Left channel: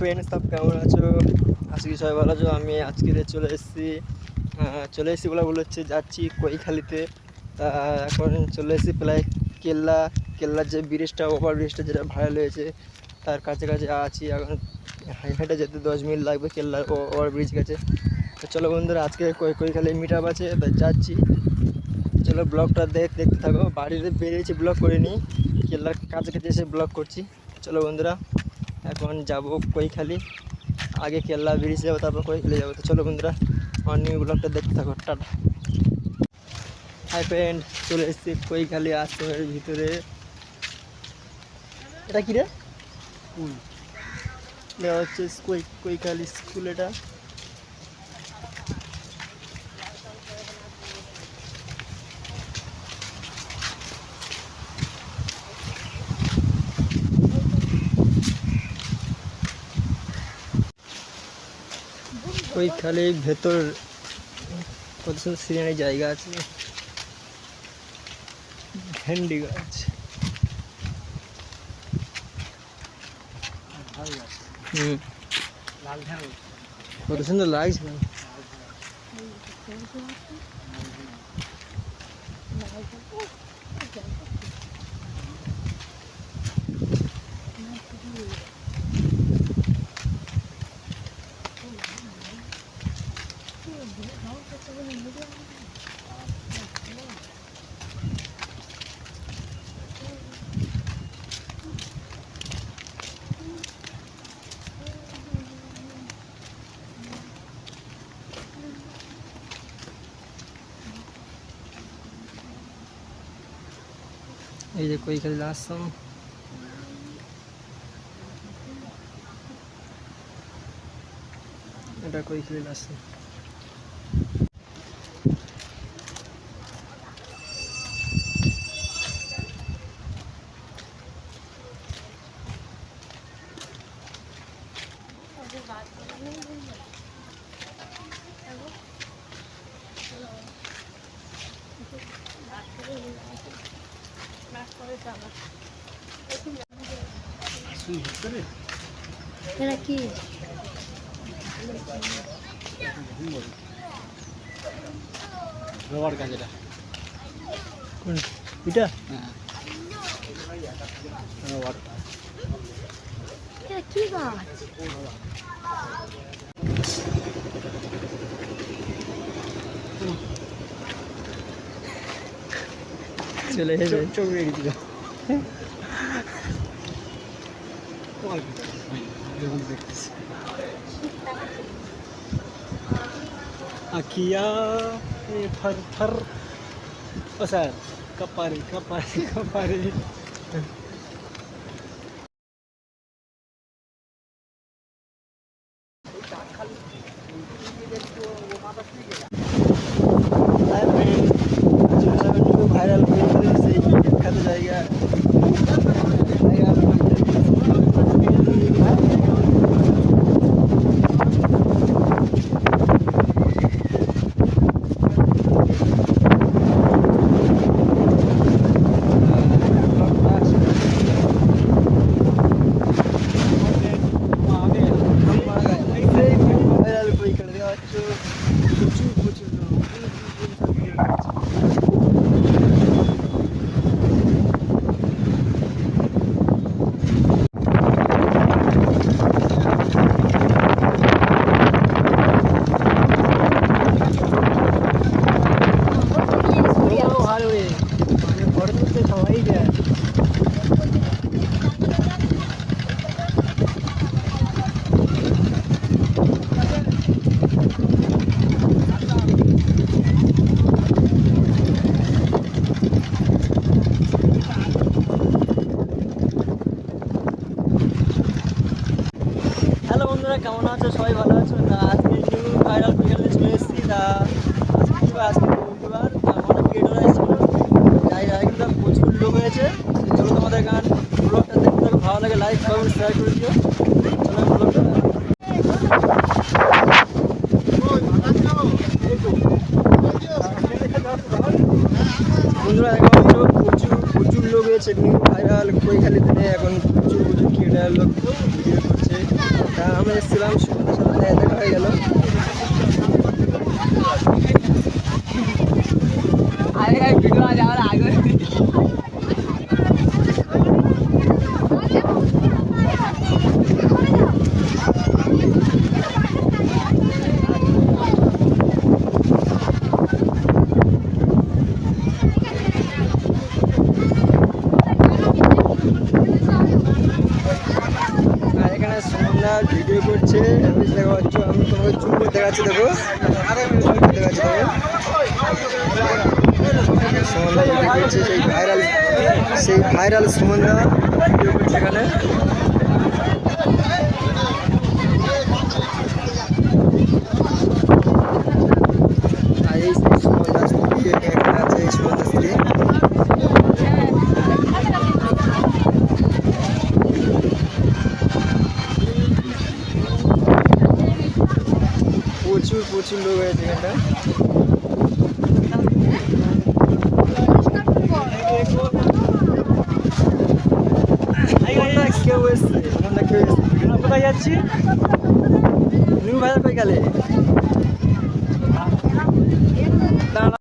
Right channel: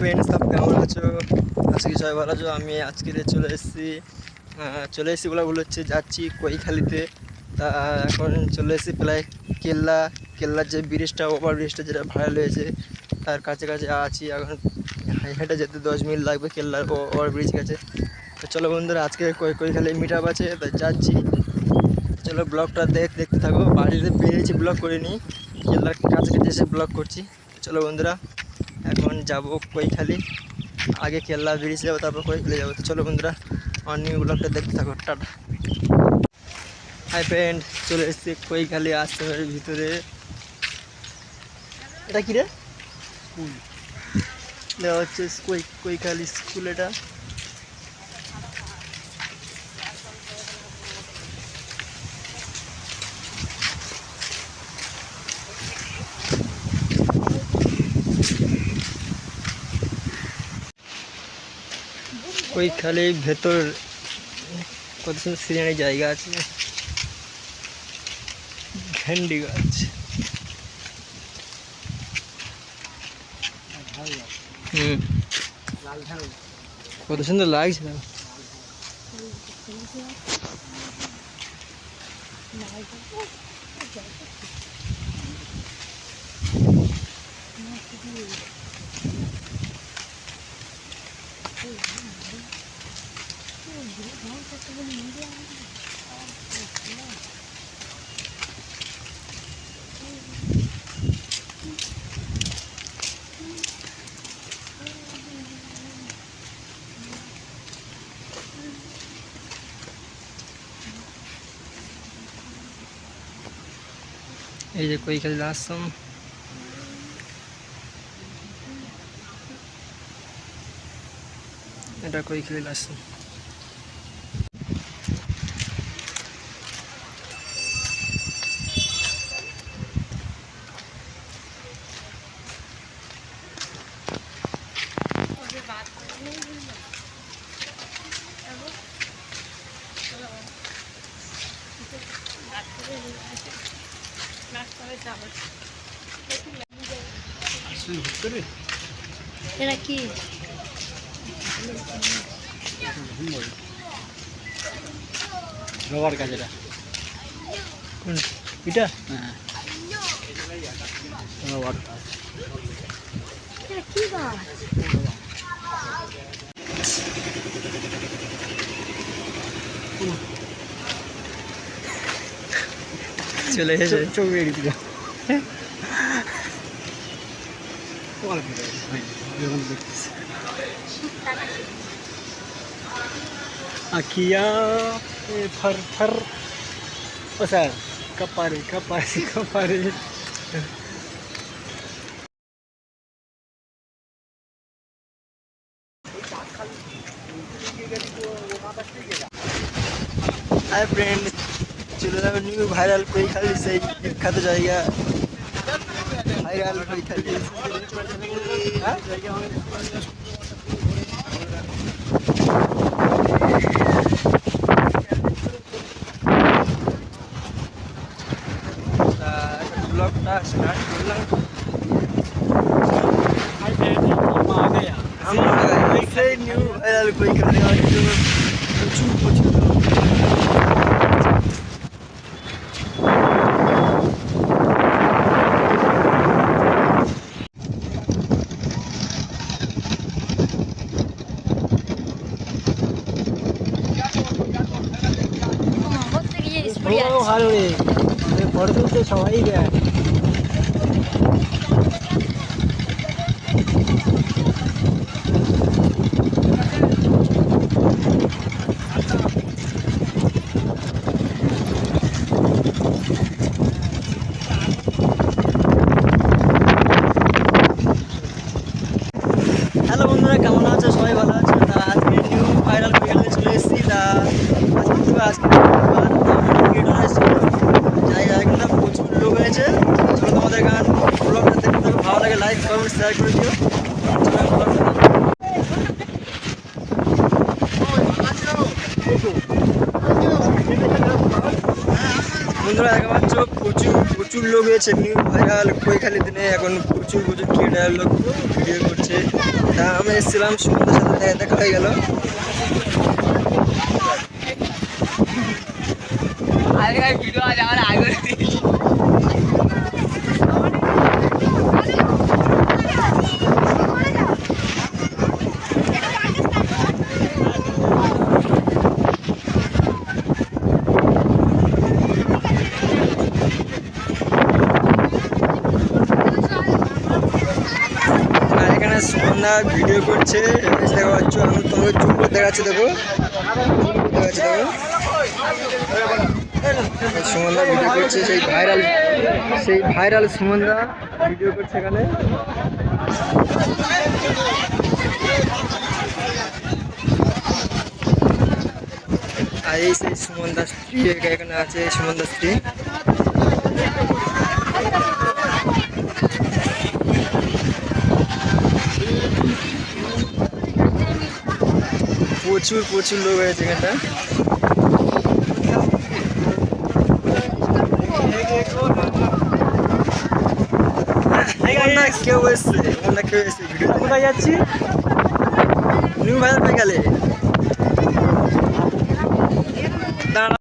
Friends, সব কেমন আছো? আজকে সবাই ভালো আছো? আমি আজকে চলে এসেছি বলে হচ্ছে যাচ্ছি কৈখালিতে। তা এখন চলে এসেছি প্রায় কেল্লার যে ব্রিজটা, ওভার ব্রিজটা যেটা ভাইরাল হয়েছে, তার কাছাকাছি আছি এখন। হেঁটে যেতে 10 মিনিট লাগবে কেল্লার ওভার ব্রিজ কাছে। তো চলো বন্ধুরা, আজকে কৈখালি মিট আপ আছে, তাই যাচ্ছি। চলো ব্লগটা দেখতে থাকো। বাড়িতে বেরিয়েছি, ব্লগ করিনি, কেল্লার কাছাকাছি এসে ব্লগ করছি। চলো বন্ধুরা, এখন যাব কৈখালি। আগে কেল্লা ব্রিজ যাবো, তারপর কৈখালি যাবো। তো চলো বন্ধুরা, আমার নিউ ব্লগটা দেখতে থাকো। টাটা। হাই ফ্রেন্ড, চলে এসেছি কৈখালি আশ্রমের ভিতরে। এটা কি রে? স্কুল দেওয়া হচ্ছে, কৈখালি স্কুল এটা। কৈখালির ভেতর কত সুন্দর সিনারি জায়গা আছে, ভেন্ডি গাছ। কত সুন্দর লাগছে না? এই যে কৈখালি আশ্রম। এটা কৈখালি আশ্রম। এরা কি রবার গাছ? এটা এটা রবার। কি গাছ? চলে এসে চোখ বেরিয়ে দিল। Akhiya for for ওসা কপারে কপারে কপারে। Hi friend, চলে যাবেন ভাইরাল কৈখালি, সেই বিখ্যাত জায়গা ভাইরাল কৈখালি। ব্লগটা স্টার্ট করলাম। সেই নিউ ভাইরাল কৈখালি হয়তো প্রচুর প্রচুর লোক। ভালো রে, বড় তো সবাই দেয়। হ্যালো বন্ধুরা, কেমন আছো? সবাই ভালো আছো? তা আজকে নিউ ভাইরাল কৈখালিতে চলে এসেছি। তা আজকে জায়গা কিন্তু প্রচুর লোক হয়েছে। চলো তোমাদের গান ব্লগটা দেখতে থাকো, ভালো লাগে লাইক কমেন্ট শেয়ার করে দিও। চলো ব্লগটা বন্ধুরা, এখন প্রচুর প্রচুর লোক হয়েছে নিউ ভাইরাল কৈখালি দিনে। এখন প্রচুর ক্রিয়েটার লোক ভিডিও করছে। তা আমরা এসেছিলাম, সুমনদার সাথে দেখা হয়ে গেল। আর এখানে সুমনদা ভিডিও করছে, দেখতে পাচ্ছ। আমি তোমাকে জুম করে দেখাচ্ছি, দেখো দেখাচ্ছি, দেখো সুমনদা ভিডিও করছে, সেই ভাইরাল সুমনদা ভিডিও করছে এখানে। আর এই সেই সুমনদার স্ত্রী এখানে আছে, এই সুমনদার স্ত্রী। প্রচুর প্রচুর লোক হয়েছে এখানটা। কেউ এসছে, কেউ এসছে ভিডিও কোথায় যাচ্ছি, নিউ বাজার পেয়ে গেলে।